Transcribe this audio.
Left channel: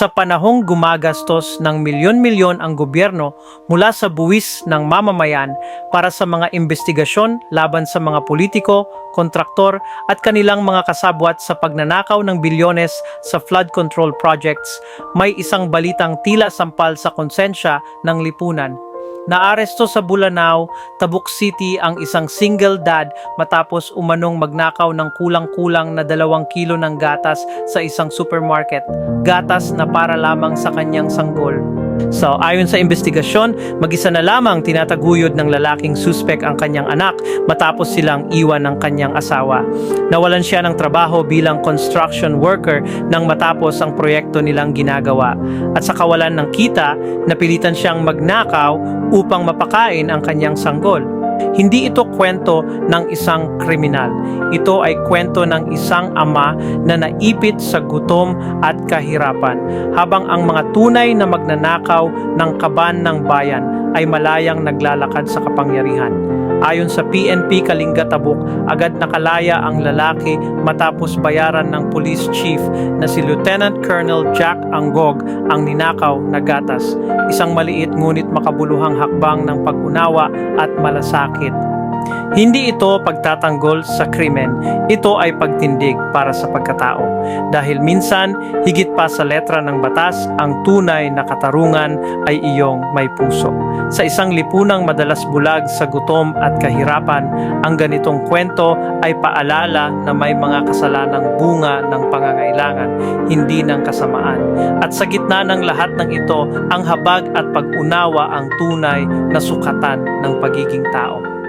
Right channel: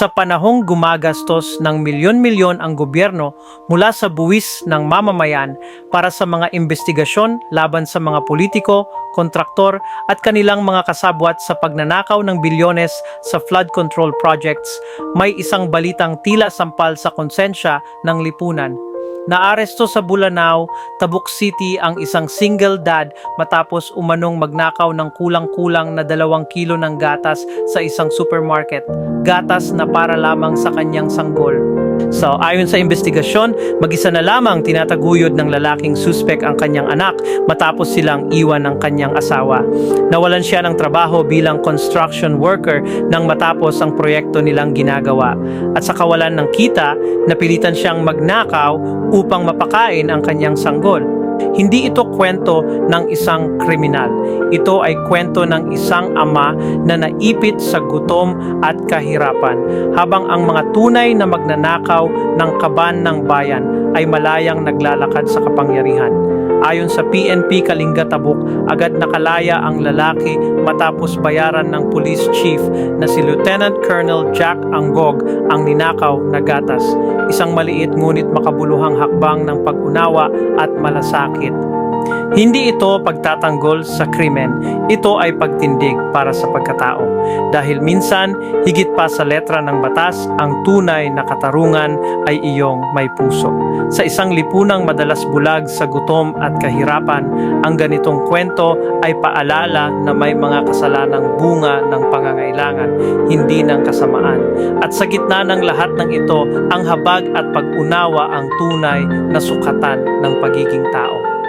Sa panahong gumagastos ng milyon-milyon ang gobyerno mula sa buwis ng mamamayan para sa mga investigasyon laban sa mga politiko, kontraktor at kanilang mga kasabwat sa pagnanakaw ng bilyones sa flood control projects, may isang balitang tila sampal sa konsensya ng lipunan. Naaresto sa Bulanao, Tabuk City ang isang single dad matapos umanong magnakaw ng kulang-kulang na dalawang kilo ng gatas sa isang supermarket. Gatas na para lamang sa kanyang sanggol. So, ayon sa investigasyon, mag-isa na lamang tinataguyod ng lalaking suspek ang kanyang anak matapos silang iwan ng kanyang asawa. Nawalan siya ng trabaho bilang construction worker nang matapos ang proyekto nilang ginagawa. At sa kawalan ng kita, napilitan siyang magnakaw upang mapakain ang kanyang sanggol. Hindi ito kwento ng isang kriminal. Ito ay kwento ng isang ama na naipit sa gutom at kahirapan habang ang mga tunay na magnanakaw ng kaban ng bayan ay malayang naglalakad sa kapangyarihan. Ayon sa PNP Kalinga Tabuk, agad nakalaya ang lalaki matapos bayaran ng police chief na si Lieutenant Colonel Jack Anggog ang ninakaw na gatas. Isang maliit ngunit makabuluhang hakbang ng pag-unawa at malasakit. Hindi ito pagtatanggol sa krimen, ito ay pagtindig para sa pagkatao. Dahil minsan, higit pa sa letra ng batas, ang tunay na katarungan ay iyong may puso. Sa isang lipunang madalas bulag sa gutom at kahirapan, ang ganitong kwento ay paalala na may mga kasalanang bunga ng pangangailangan, hindi ng kasamaan. At sa gitna ng lahat ng ito, ang habag at pag-unawa ang tunay na sukatan ng pagiging tao.